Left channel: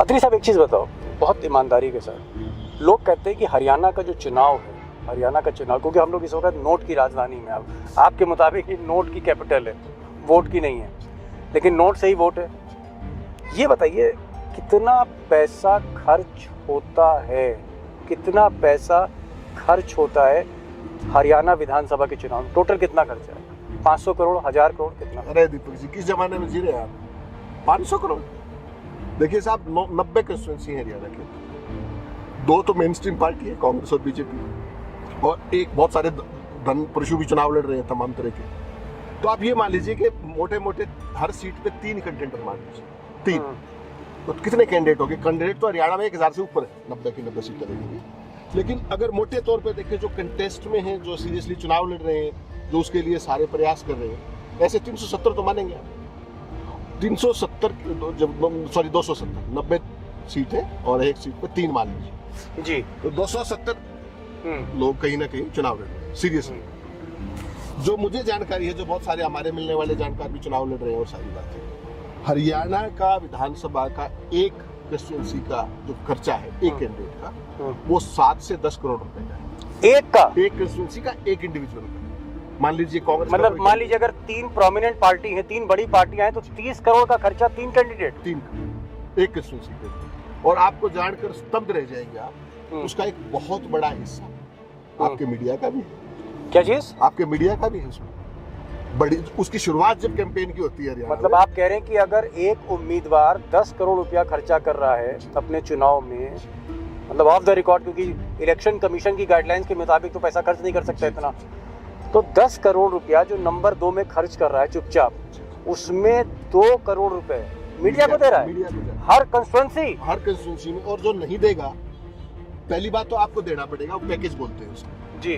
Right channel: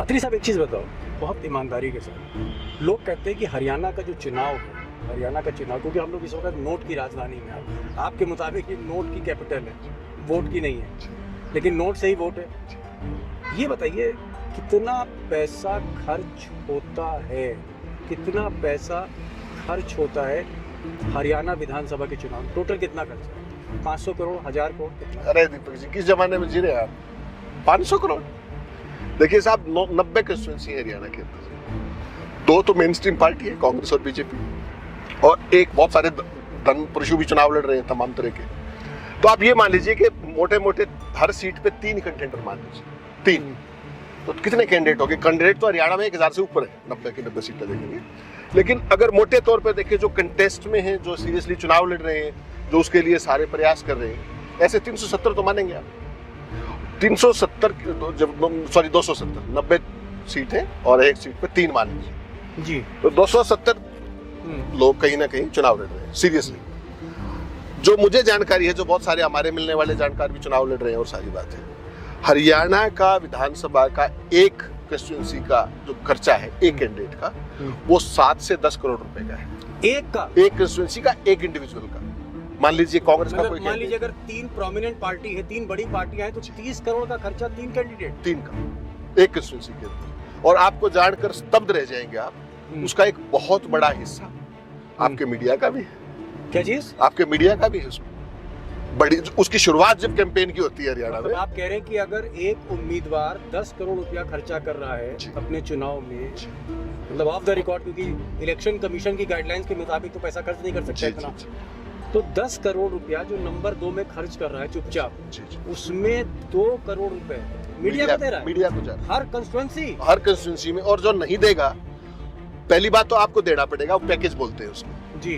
अत्री साहब एक चीज़ बताओ बहुत ईमानदारी के साथ, लोग कहते हैं कि हरियाणा का जो चुनाव है, हरियाणा का चुनाव, क्योंकि हम लोग इस वक्त नोट की राजधानी में, अब आपके मुताबिक ये नोट की कैपिटल है, वोट की नहीं है, लेकिन नोट से ही वोट है। ये बताइए कितना पैसा खर्च होता है, कितना पैसा खर्च होता है हरियाणा विधानसभा के चुनाव में? टोटल कितना खर्चा है? 500 करोड़, 1000 करोड़, कितना? अरे दीपक जी, किस जमाने में जी रहे हैं आप? 500 करोड़। देखिए साहब, 90 कंस्टिट्यूंसी है हरियाणा के अंदर। 2 तो मेन स्ट्रीम पार्टी है, कांग्रेस और बीजेपी, और एक बहुत सारे धन पुरुषों भी चुनाव लड़ रहे हैं तमाम तरह के। तो आप ये मान लीजिए कि मोटे मोटे हर सीट पे 3 कंटेंडर मान लीजिए, 3। तो कितने कैंडिडेट हो गए? कैंडिडेट तो हरियाणा में 1000 से ऊपर है, 90 की 90 सीटें देखेंगे। लेकिन अगर मोटे तौर पर देखिए, जो कंटेस्ट में हैं, जो सीरियसली चुनाव लड़ रहे हैं, जो उसके लिए सारे प्रयास कर रहे हैं, ऐसे 370 तो मानेंगे आप। 370 सॉरी 270, 90 सीटें और एक सीट पे 3 मान लीजिए जी, तो 270 लोग कहीं ना कहीं चुनाव लड़ रहे हैं सीरियसली। जो मुझे जानकारी है, जो बहुत सारे हमारे मिलने वाले जानकार भी चुनाव लड़ रहे हैं, वो सारी बात है। हरियाणा का विधानसभा का एक कंस्टिट्यूंसी का जो खर्चा है एक कैंडिडेट का, वो 7 से 10 करोड़ रुपए का है। एक का? एक कंस्टिट्यूंसी का, एक इंडिविजुअल का। मान लीजिए कांग्रेस, मतलब मान लीजिए अगर 3 प्रोमिनेंट पार्टी है, 3 बड़ी पार्टियां हैं, तो 30 करोड़ का खर्चा 3 कैंडिडेट, 3 का एक कंस्टिट्यूंसी के अंदर। और आपको जानकर स्तब्ध रह जाएंगे आप, उसका एक बहुत बड़ा हिस्सा आपके मीडिया का भी है। क्या चीज? आपके मीडिया का भी है उसमें। बड़ी उसकी शुरुआत जब कैंपेन की होती है हरियाणा मतलब में। आप कह रहे हैं कि अगर एक उम्मीदवार 10 करोड़ रुपया खर्चा कर रहा है अपने चुनाव में, मतलब ऑफ द रिकॉर्ड, क्योंकि इलेक्शन कमीशन की गाइडलाइंस के मुताबिक तो पैसा खर्च नहीं कर सकता इतना, तो 10 करोड़ रुपया जो नंबर 2 में खर्च कर रहा है चुपचाप, उसमें 2 करोड़ रुपए मीडिया को दे रहा है। मीडिया को हर कंस्टिट्यूंसी में। और जो नहीं देगा, पहली बात तो आपको देना पड़ेगा, वो पैकेज बोलते हैं उसको जी,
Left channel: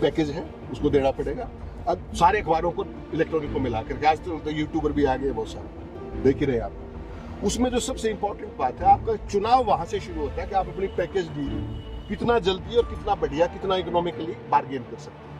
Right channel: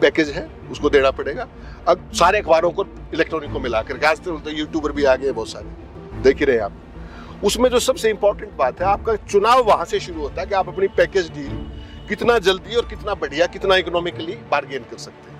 पैकेज है, उसको देना पड़ेगा। अब सारे अखबारों को, इलेक्ट्रॉनिक को मिलाकर, आज तो यूट्यूबर भी आ गए बहुत सारे, देख ही रहे हैं आप। उसमें जो सबसे इंपॉर्टेंट बात है, आपका चुनाव वहां से शुरू होता है कि आप अपनी पैकेज डील कितना जल्दी और कितना बढ़िया, कितना इकोनॉमिकली बार्गेन कर सकते हैं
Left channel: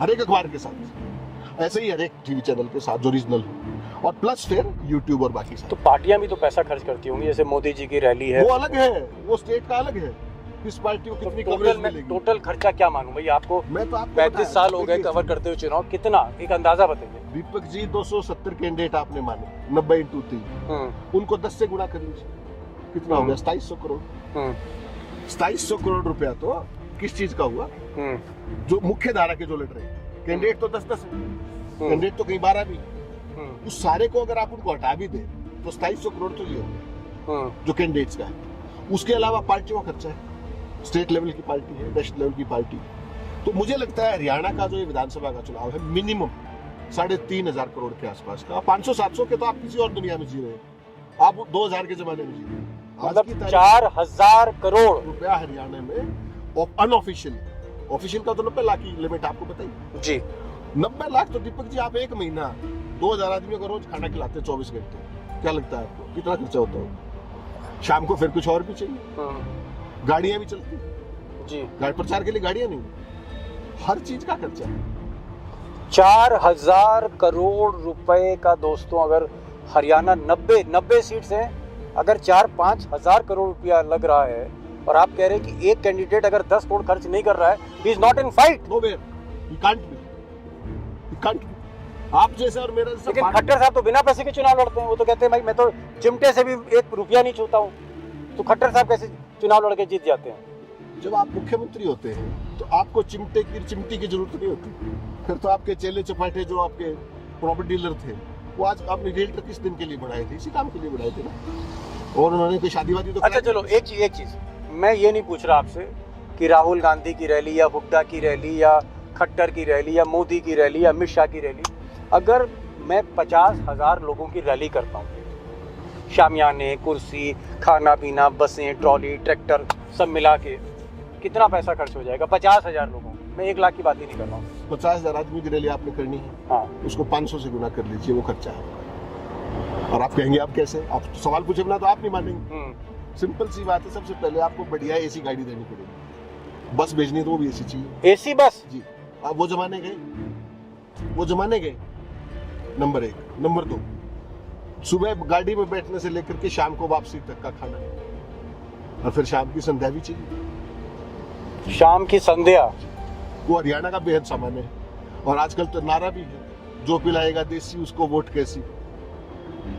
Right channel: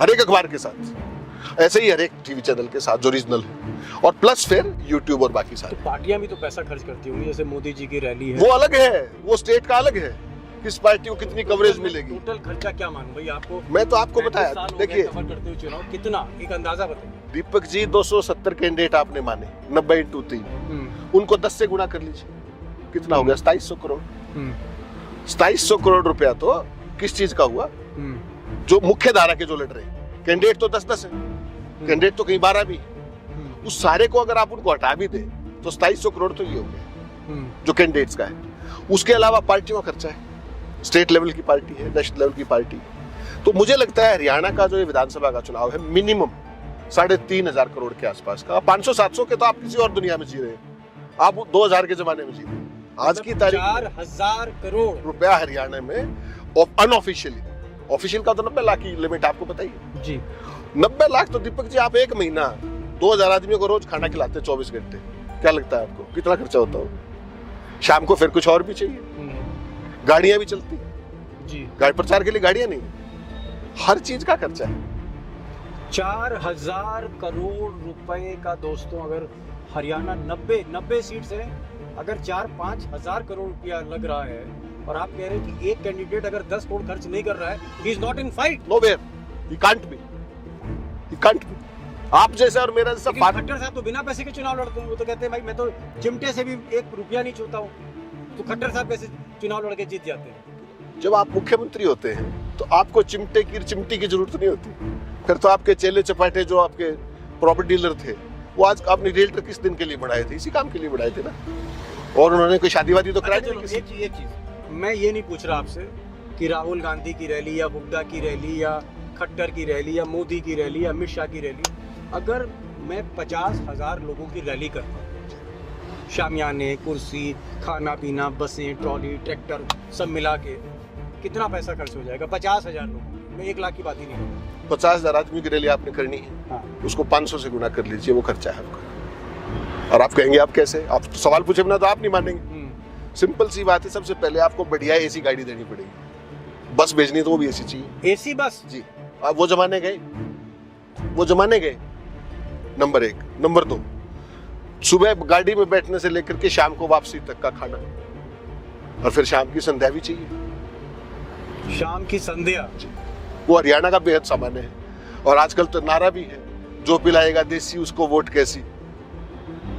हर एक अखबार के साथ, ऐसे ही हर एक टीवी चैनल के साथ जो रीजनल है, और प्लस फिर यूट्यूब और बाकी सारे। तो पार्टियां भी तो पैसा खर्च करती होंगी, जैसे मोदी जी की रैली है, वो अलग है, वो स्टेट का अलग है, किस पार्टी को कितनी कवरेज मिलेगी। टोटल खर्चा क्या मानूं भाई आपको? मैं तो आपको 35 साल हो गए कवर करते हुए चुनाव, कितना एक अंदाजा बताइए। दीपक जी, 270 कैंडिडेट आपने माने, 90 इंटू 3, उनको 10 से गुणा कर लीजिए, कितना हो गया? 2700 करोड़। 2700 करोड़ रुपया तो किस चीज का हुआ? जो मुख्य धारा के जो लड़ रहे हैं, कैंडिडेट तो 10-10 है, कैंडिडेट तो कहीं 12 भी, उस सारे को अगर आप उनको हटा भी दे तो 2700 करोड़ तो ये हो गया जो कैंडिडेट्स का है। उसके अलावा पार्टियों का खर्चा है, स्टेट लेवल की पार्टी है, नेशनल लेवल की पार्टी। तो मुझे लगता है हरियाणा का जो ये विधानसभा का चुनाव है, मिनिमम 3500 करोड़ के आसपास का। 500-700 के तो आप किसी और दुनिया में जी रहे हैं, आप 2000 के जमाने में जी रहे हैं। आज की तारीख 4000 करोड़ रुपया हरियाणा में अनऑफिशियली, ऑफिशियल का तो 90 लाख की लिमिट आपको बताइए जी। 90 लाख तो दीपक जी, आप एक महीना 2000 आदमियों को रोज खाना खिलाते हैं 24 घंटे, क्या लगता है आपको कितना खर्चा होता हो? शाम को फिर कुछ और भी चाहिए, गाड़ियां भी चलती जी, गाड़ी प्रचार के लिए गाड़ियां नहीं, हर चीज का खर्चा है। 4000 करोड़ रुपए का दोस्तों, अगर हरियाणा 90 सीट्स हैं, अगर 4-5 हजार करोड़ रुपया लग रहा है, और आप कह रहे हैं कि एक कैंडिडेट अगर 10 करोड़ खर्च नहीं कर रहा है, he is not in fight, nowhere, he can't be. आप जैसा और मेरा जैसा। खट्टर साहब तो बिना पैसे के चुनाव लड़ते हैं, वो तो कहते हैं भाई मैं तो चिमटे से भी 1 रुपया नहीं छूता हूँ, तो खट्टर साहब कैसे चुनाव लड़के जीत जाते हैं? जब आप मुख्यमंत्री होते हैं तो आपको चिमटी की जरूरत नहीं होती, फिर तो आपके चेले चपाटे जो आपके प्रॉपर्टी डीलर थे, वो आज आपने रियल्टर किस दिन के लिए बढ़ाए थे? इसी काम के लिए बढ़ाए थे ना, और उन्होंने कोई शादी वादी तो अच्छा चलो, एक चीज मैं ये नहीं पूछ रहा आपसे कि राहुल गांधी की रैली या हुड्डा की रैली या खट्टर की रैली या मोदी की रैली या अमित शाह की रैली, अगर मैं 50,000 लोगों की रैली करता हूँ, शामियाने, कुर्सी, खाना पीना, बसें, ट्रॉली, ट्रैक्टर सब मिला के कितना पैसा खर्च हो जाएगा? 50,000 लोगों, मैं 1 लाख की बात ही नहीं कर रहा हूँ। 50,000 आदमी की रैली आपने करनी है, हाँ, उसको 500 से गुना कर लीजिए, वो खर्चा है आपका। और आप कहेंगे आप कैसे? आप तो सवाल पूछे बिना तो आप नहीं मानेंगे। सिंपल सी बात है, सबसे पहले आपको बढ़िया एसी गाड़ी देनी पड़ेगी, बस भेजनी तो वो भी एसी चाहिए, एसी बस जी। आप वो जमाने गए, नंबर 1। नंबर 2, सुबह गाड़ी में बैठने से लेकर के शाम को वापसी तक का खाना और फिर शाम की संध्या भी चाहिए। शाम की संध्या, वो हरियाणा का बेहद सामान्य है। और आजकल तो नारा भी है, जो पिलाएगा देसी उसको वोट कैसी।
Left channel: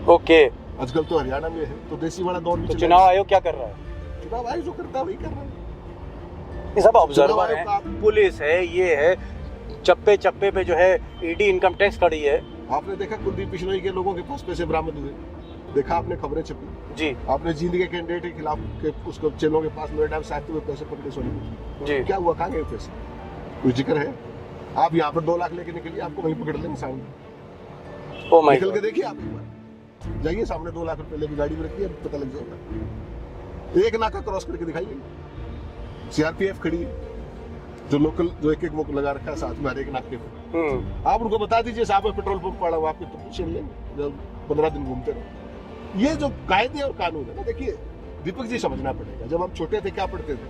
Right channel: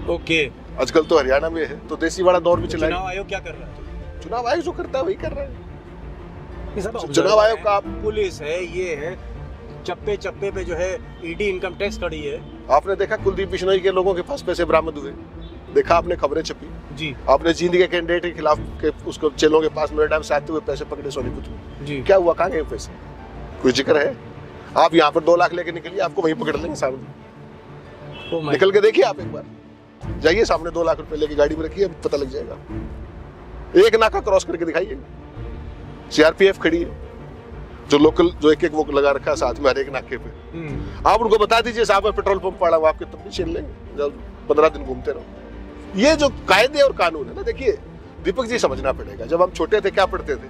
ओके। आजकल तो हरियाणा में है तो देसी वाला दौर भी तो चला चुनाव आयोग क्या कर रहा है? चुनाव आयोग जो करता है वही कर रहा है। ये सब चुनाव ऑब्जर्वर आयोग है, का पुलिस है, ये है, चप्पे चप्पे पे जो है ईडी इनकम टैक्स खड़ी है। आपने देखा कुलदीप बिश्नोई के लोगों के पास पैसे बरामद हुए, देखा आपने खबरें छपी। जी आपने जींद के कैंडिडेट के खिलाफ के उसको चेलों के पास मेरे टाइम से आते हुए पैसे पकड़े सोनीपत में। जी। क्या हुआ, कहाँ गए पैसे? कोई जिक्र है? आप यहाँ पर 2 लाख लेके निकलिए, आपको वहीं पकड़ लेंगे सामने। ओ माय निकल के देखिए आप एक बार, जाइए सामने 2 लाख रुपए लेके गाड़ी में रखिए, पता लग जाएगा। एक नाका क्रॉस करके दिखाइए, सीआरपीएफ खड़ी है, जो लोकल जो एक वो लगा रखा है साथ में हर एक नाके पे। आप उनको बता दीजिए साहब मैं पेट्रोल पंप पड़ा हुआ, आपके तब भी छीन लेंगे जब 15 दिन घूमते रहो। ये जो कायदे और कानून है ना, देखिए दीपक जी समझना पड़ेगा। जब हम छोटे थे क्या पढ़ते थे?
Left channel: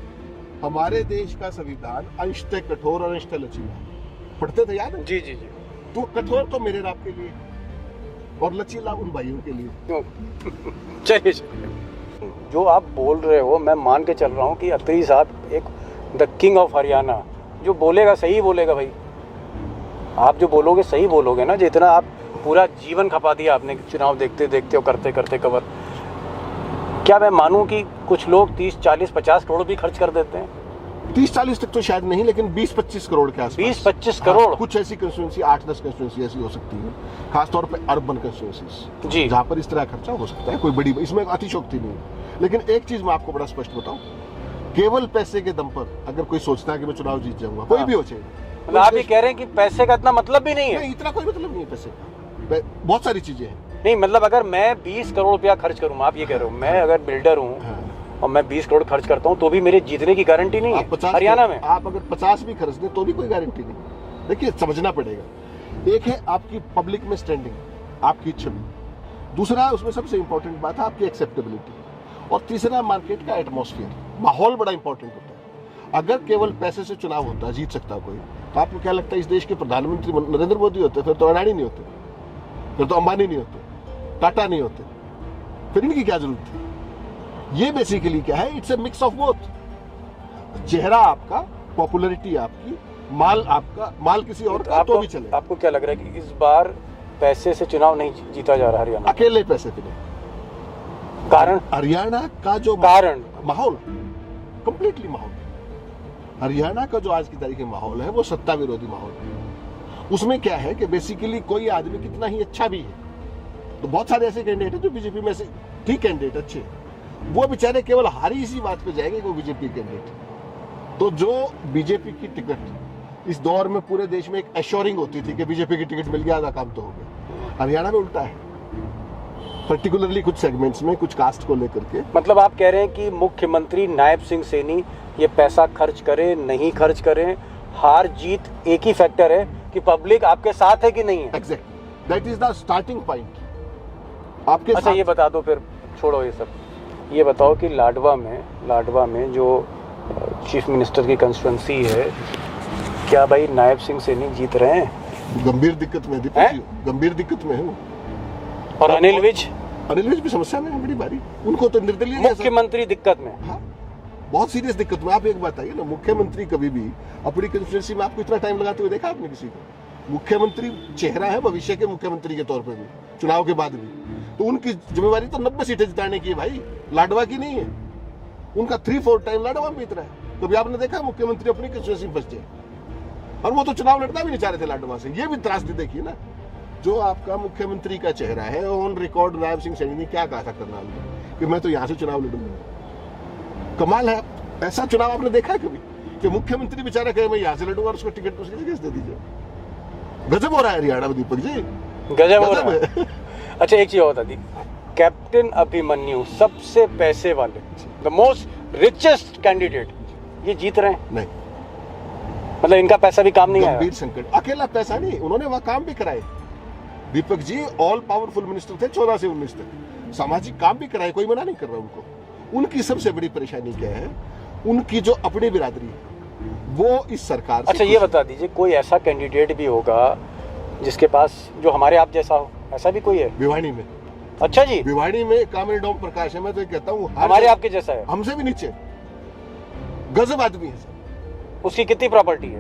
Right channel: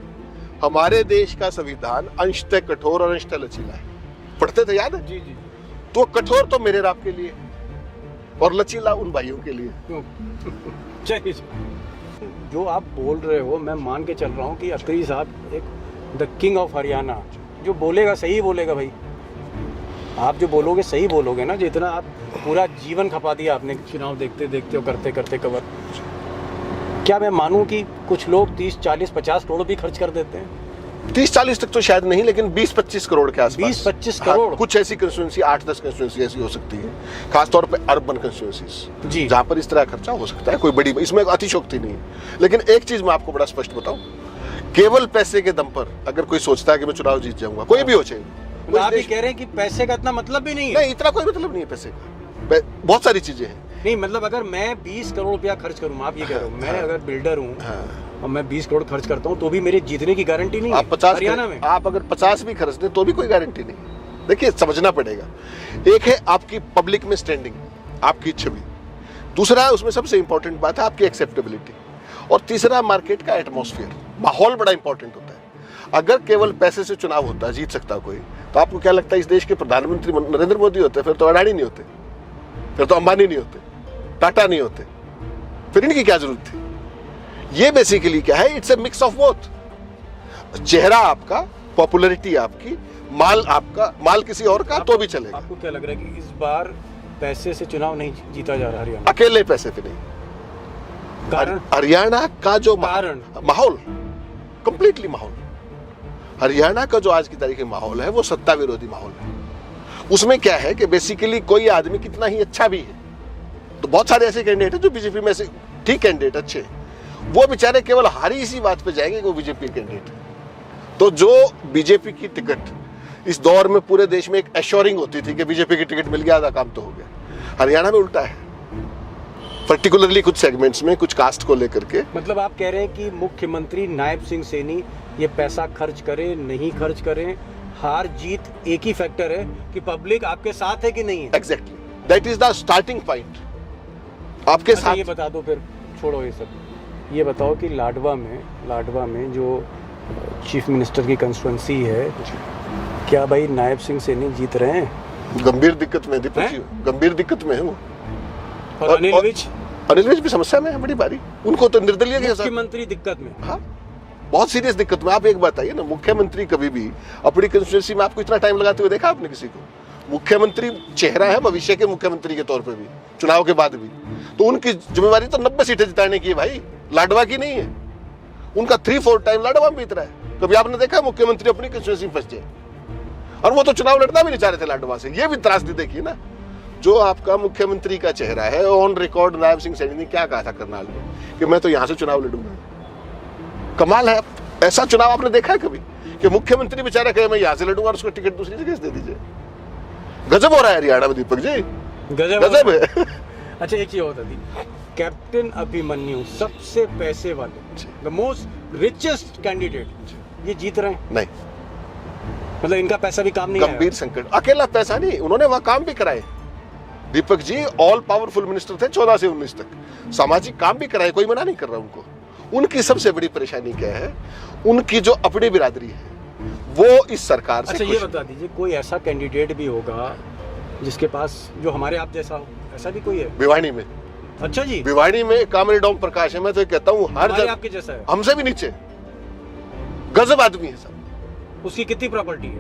हमारे देश का संविधान अंशतः कठोर और अंशतः लचीला है, पढ़ते थे, याद है? जी जी जी। तो कठोर तो मेरे और आपके लिए और लचीला उन भाइयों के लिए। चलिए, जो आप बोल रहे हो मैं मान के चल रहा हूँ कि अत्री साहब एक द किंग ऑफ हरियाणा, जो बोलेगा सही बोलेगा भाई। आप जो बोलोगे सही बोलोगे ना, जो इतना आप पूरा जीवन खपा दिया आपने चुनाव देखते देखते और करते करते कवर। क्या मैं मानूं कि कुछ लोग 30, 40, 50 करोड़ भी खर्च कर देते हैं? 30-40 तक तो शायद नहीं, लेकिन 20-25 करोड़ के आसपास। 20-25 करोड़? हाँ, कुछ ऐसी कंस्टिट्यूंसी 8-10 कंस्टिट्यूंसी ऐसी हो सकती है, खासतौर पे अर्बन कंस्टिट्यूंसीज जी, जहां पर इस तरह खर्चा हो सकता है। कोई बड़ी इसमें अतिशयोक्ति नहीं है। लेकिन एक चीज मैं आपको बड़ा स्पष्ट बताऊं, केवल पैसे के दम पर अगर कोई सोचता है कि मैं चुनाव जीत जाऊंगा, कोई भी हो चाहे, मतलब आप ये कह रहे हैं कि पैसे का इतना मतलब भी नहीं है? नहीं, इतना कोई मतलब नहीं है पैसे का। बहुत सारी चीजें हैं। नहीं मतलब अगर मैं 20 करोड़ रुपया खर्च करूँ, आप ये कह रहे हो, मैं अगर बिल्डर हूँ और मैं 20 करोड़ खर्च करता हूँ तो भी मेरे जीतने की गारंटी नहीं आप है 50 हरियाणा में। आप अगर 50 भी खर्च दें तो भी कोई गारंटी नहीं। देखिए समझना पड़ेगा, एक है आपकी पब्लिक में स्टैंडिंग, आपकी छवि, दूसरा उसमें सबसे इंपॉर्टेंट बात है आपकी एक्सेप्टेबिलिटी, और तीसरा मार्केट का एटमॉस्फेयर, माहौल बड़ा इंपॉर्टेंट होता है। अगर केवल पैसे से चुनाव होता, जीत सकता कोई, तो आपको क्या लगता है इस देश के प्रधानमंत्री नरेंद्र मोदी होते? फिर तो अडानी नहीं होते, फिर तो अंबानी नहीं होते, टाटा नहीं होते, फिर इनकी क्या जरूरत थी? ये बेसिकली क्या है, it's a mix of both. चेहरा आपका, पॉपुलैरिटी आपकी, माल आपका, माल किसी और का तो भी चलेगा। आपको क्या लग रहा है कि इस बार पैसे से चुनाव नहीं जीता जा रहा हरियाणा? अकेले पैसे पे नहीं। कारण? हरियाणा का जो कारण? माहौल, कंप्लीटली माहौल, हरियाणा का जो आज की तारीख में माहौल है वो सत्ता विरोधी माहौल है। उसमें क्या है कि बेसिकली कोई आदमी कितना ही अच्छा भी है, तो बहुत सारे ऐसे कैंडिडेट हैं जो बीजेपी में से ठीक कैंडिडेट अच्छे हैं, वो बेचारे केवल हारी इसी बात पे जाएंगे कि वो बीजेपी कैंडिडेट है। तो जो बीजेपी की टिकट इस दौर में पूरे देश में एक एश्योरिंग होती थी कि बीजेपी की टिकट मिल गया, आधा काम तो हो गया, हरियाणा में उल्टा है, पर्टिकुलरली कुछ सेगमेंट्स में, कुछ कास्ट को लेकर के। मतलब आप कह रहे हैं कि मुख्यमंत्री नायब सिंह सैनी ये पैसा खर्च करें नहीं खर्च करें, हार जीत एक ही फैक्टर है कि पब्लिक आपके साथ है कि नहीं है। Exactly, that is the starting point आपके अच्छा साथ। ये बता दो, फिर छोड़ो ये सब, ये बताओ कि लाडवा में जो चीफ मिनिस्टर की कंस्टिट्यूंसी है, क्या भाई नायब सिंह सैनी जीत रहे हैं? गंभीर दिक्कत में दीपक जी, गंभीर दिक्कत में है वो। और अनिल विज? अनिल विज भी समस्या में है बड़ी बारी, उनको तो निर्दलीय मुख्यमंत्री दिक्कत में। हाँ, बहुत सीरियस दिक्कत में। आप एक बात आइए ना, मुख्यमंत्री कभी भी अपनी कंस्टिट्यूंसी में आपको इतना टाइम लगाते हुए देखा आपने किसी को? मुख्यमंत्री चेहरा है भविष्य के मुख्यमंत्री के तौर पे भी, चुनाव के बाद भी, तो उनकी जिम्मेवारी तो 90 सीटें जिताने की है भाई, लाडवा की नहीं है। उनका 3-4 टाइम लाडवा में बीत रहा है। कभी आपने देखा मुख्यमंत्री अपनी कंस्टिट्यूंसी में फंस जाए? और वो तो चुनाव लड़ना भी नहीं चाह रहे थे लाडवा से। ये भी त्रासदी देखिए ना, जो आपका मुख्यमंत्री का चेहरा है, ऑन रिकॉर्ड नायब सिंह सैनी ने क्या कहा था करनाल में कि मैं तो यहां से चुनाव लड़ूंगा। कमाल है, ऐसा चुनाव आपने देखा है कभी कि मुख्यमंत्री बेचारा कहे मैं यहां से लड़ूंगा और उसको टिकट दूसरी जगह से दे दीजिए? गजब हो रहा है हरियाणा में दीपक जी, गजब है। अच्छा एक चीज और बता दी, कैप्टन अभिमन्यु सबसे पैसे वाले, द मोस्ट रिचेस्ट कैंडिडेट, ये जीत रहे हैं? नहीं, मतलब इनका पैसा भी काम नहीं आया? गंभीर संकट, अकेला पैसा नहीं, उन्होंने वहां काम भी कराए Deepak ji, all powerful minister थे 14 से 19 तक, सामाजिक काम भी कराए, कोई मना नहीं कर रहा उनको। उनकी सबसे बड़ी परेशानी क्या है, उनकी जो अपनी बिरादरी है वो इस सरकार से। अच्छा ये बता दीजिए, कोई ऐसा कैंडिडेट भी होगा जिसके पास जो हमारे आप जैसा हो, ऐसा भी कोई है? भिवानी में अच्छा जी, भिवाड़ी में कामरेड ओम प्रकाश है, मैं तो कहता हूँ हर हमारे जगह- आपके जैसा है। हमसे भी नीचे गजब आदमी है सर। उसकी कितनी प्रॉपर्टी है?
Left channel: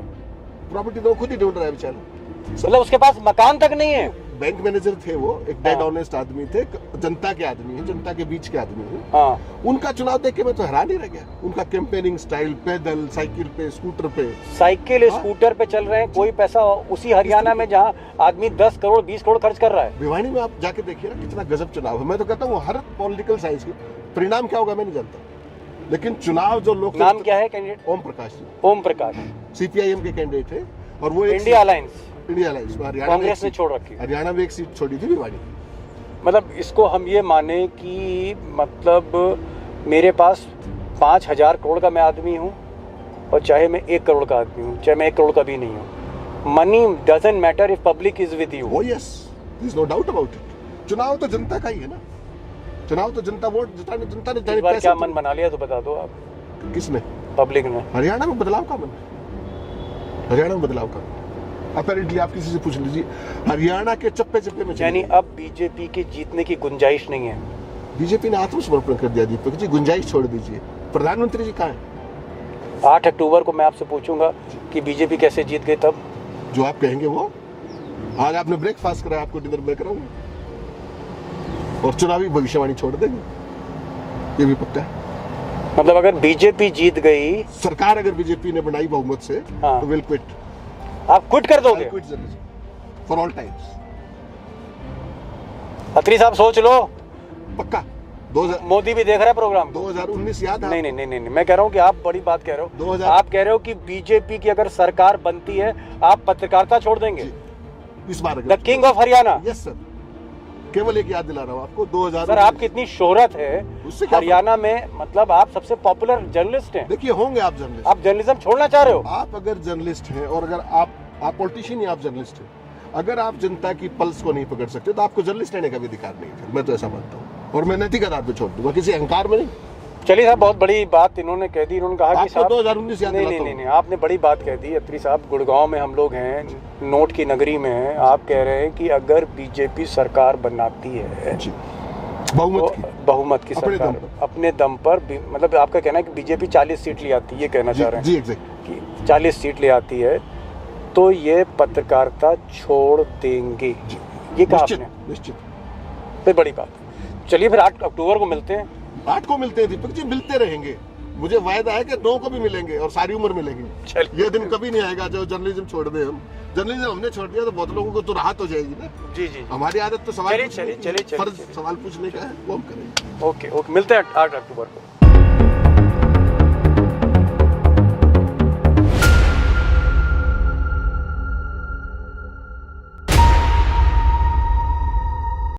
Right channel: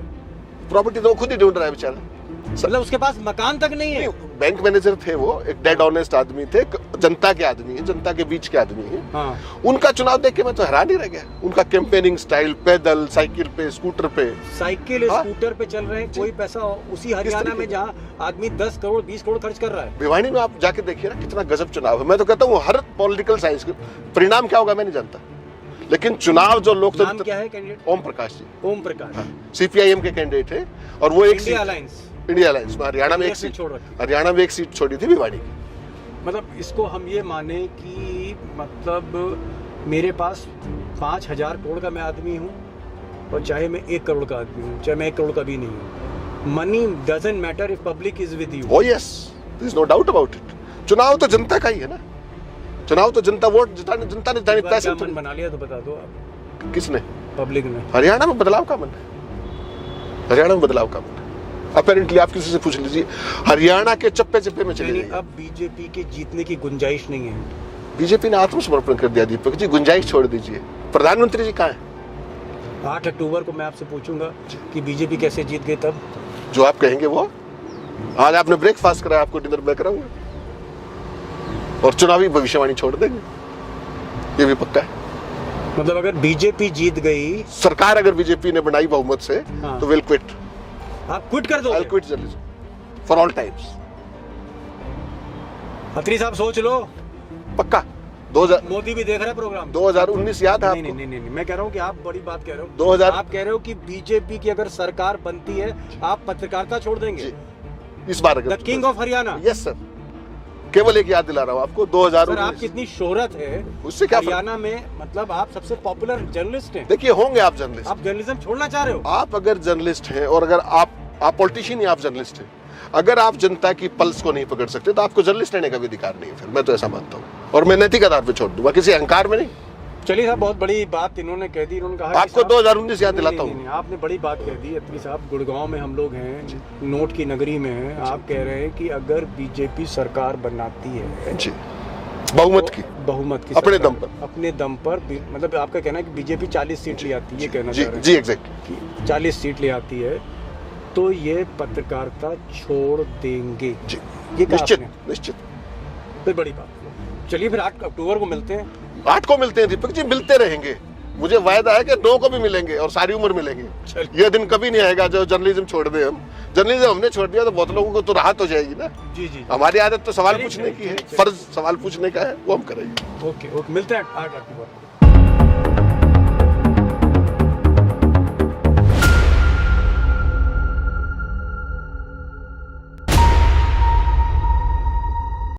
प्रॉपर्टी तो वो खुद ही ढूंढ रहा है बेचारा। मतलब उसके पास मकान तक नहीं है। बैंक मैनेजर थे वो, एक डेड हाँ। ऑनेस्ट आदमी थे, जनता के आदमी है, जनता के बीच के आदमी है। हाँ, उनका चुनाव देख के मैं तो हैरान ही रह गया। उनका कैंपेनिंग स्टाइल, पैदल, साइकिल पे, स्कूटर पे। साइकिल हाँ। स्कूटर पे चल रहे हैं, कोई पैसा उसी हरियाणा में जहाँ आदमी 10 करोड़ 20 करोड़ खर्च कर रहा है। भिवाड़ी में आप जाके देखिए ना कितना गजब चुनाव है। मैं तो कहता हूँ हर पॉलिटिकल साइंस के परिणाम क्या होगा मैं नहीं जानता, लेकिन चुनाव जो नाम लोकतंत्र। क्या है कैंडिडेट? ओम प्रकाश जी ओम प्रकाश, सीपीआईएम के कैंडिडेट है, और वो एक इंडिया अलायंस, इंडिया अलायंस में हरियाणा में एक कांग्रेस ने सीट छोड़ रखी। हरियाणा में एक सीट छोड़ी थी भिवाड़ी की। मतलब इसको हम ये माने कि मतलब मेरे पास 5,000 करोड़ का मैं आदमी हूँ, और चाहे मैं 1 करोड़ का आदमी हूँ, चाहे मैं 1 करोड़ का भी नहीं हूँ, money doesn't matter if public is with you. Oh yes, there is no doubt about it. चुनाव तो जनता का ही है ना, चुनाव तो जनता वोट जिताने, जनता ने जिताने पैसे। क्या मन बना लिया तो बता दो आप। किसने? पब्लिक ने। हरियाणा में बदलाव का मन है, हरियाणा में बदलाव का मन है। अपेरेंटली आप किसी से पूछ लीजिए, हरियाणा के चप्पे चप्पे में यानी चलिए। अब बीजेपी के जीतने की गुंजाइश नहीं है। बीजेपी ने आत्मसमर्पण कर दिया दीपक जी, गुंजाइश छोड़ दीजिए। प्रधानमंत्री जी कहाँ है? 8 अक्टूबर को मैं आपसे पूछूंगा कि बीजेपी कैसे जीत गई, तब जो आप कहेंगे वो। आज आपने ब्रेकफास्ट कराया, आपको डिनर मैं कराऊंगा, और चुनावी भविष्यवाणी छोड़ देंगे, ये भी पक्का है। मतलब अगर बीजेपी जीत गई, सरकार अगर बीजेपी ने बनाई बहुमत से, हाँ। तो विल क्विट। आप क्विट कर आई दोगे? Quit journalism for all times. Atri साहब सोच लो, पक्का। 2000 मोदी भी देख रहा है प्रोग्राम। 2019 याद है नहीं आपको? नहीं नहीं नहीं, मैं कह रहा हूँ कि आप बड़ी बात कह रहे हो। 2000 आप कह रहे हो कि बीजेपी की अगर सरकार बनती है, आप पत्रकारिता छोड़ देंगे। जी, इस बार the king of Haryana. Yes sir, केवल एक याद दिला रहा हूँ आपको, 2000। सर आपकी इतनी शोहरत है उससे क्या हरियाणा में, मतलब आप सबसे पॉपुलर जर्नलिस्ट हैं। देखिए, होंगे आप जर्नलिस्ट। आप जर्नलिज्म छोड़ना चाह रहे हो? आप अगर जर्नलिस्ट हैं, और अगर आप पॉलिटिशियन ही, आप जर्नलिस्ट हैं, अगर आप जनता की पल्स को नहीं पकड़ सकते तो आपको जर्नलिस्ट रहने का भी अधिकार नहीं है। फिर मैं तो ऐसा मानता हूँ, और मैं नैतिक आधार पे छोड़ दूंगा, किसी अहंकार में नहीं। चलिए साहब, बहुत बड़ी बात इन्होंने कह दी। इन्होंने कहा कि आपको साहब- 2019 याद नहीं, दिलाता नहीं, हूँ। नहीं, आपने बड़ी बात कह दी। अत्री साहब, गुड़गांव में हम लोग हैं, नोट की नगरी में हैं। आप कह रहे हैं कि अगर बीजेपी सरकार बनाती है जी, बहुमत की, बहुमत की अपने सरकार, दम पर। अपने दम पर मतलब आपका कहना है कि बीजेपी 40 सीट ले आती है, ये कहना जी चाह रहे हैं जी, एग्जैक्टली। कि 40 सीट ले आती है तो ये पत्रकारिता छोड़ देंगे। जी, ये कहा निश्चित आपने। निश्चित। फिर बड़ी बात। चलिए फिर 8 अक्टूबर को मिलते हैं। 8 को मिलते हैं दीपक जी, मिलते रहेंगे। मुझे वायदा है कि 9 को भी मिलेंगे, और सारी उम्र मिलेंगे। चलिए। ये दिन कभी नहीं आएगा जो जर्नलिज्म छोड़ दे हम। जर्नलिज्म हमने छोड़ दिया तो बहुत लोगों को तो राहत हो जाएगी ना। जी जी, हमारी आदत तो सवाल चलिए, पूछने चलिए, की है, चलिए। फर्ज सवाल पूछने का है, वो हम करेंगे। ओके ओके, मिलते हैं 8 अक्टूबर को।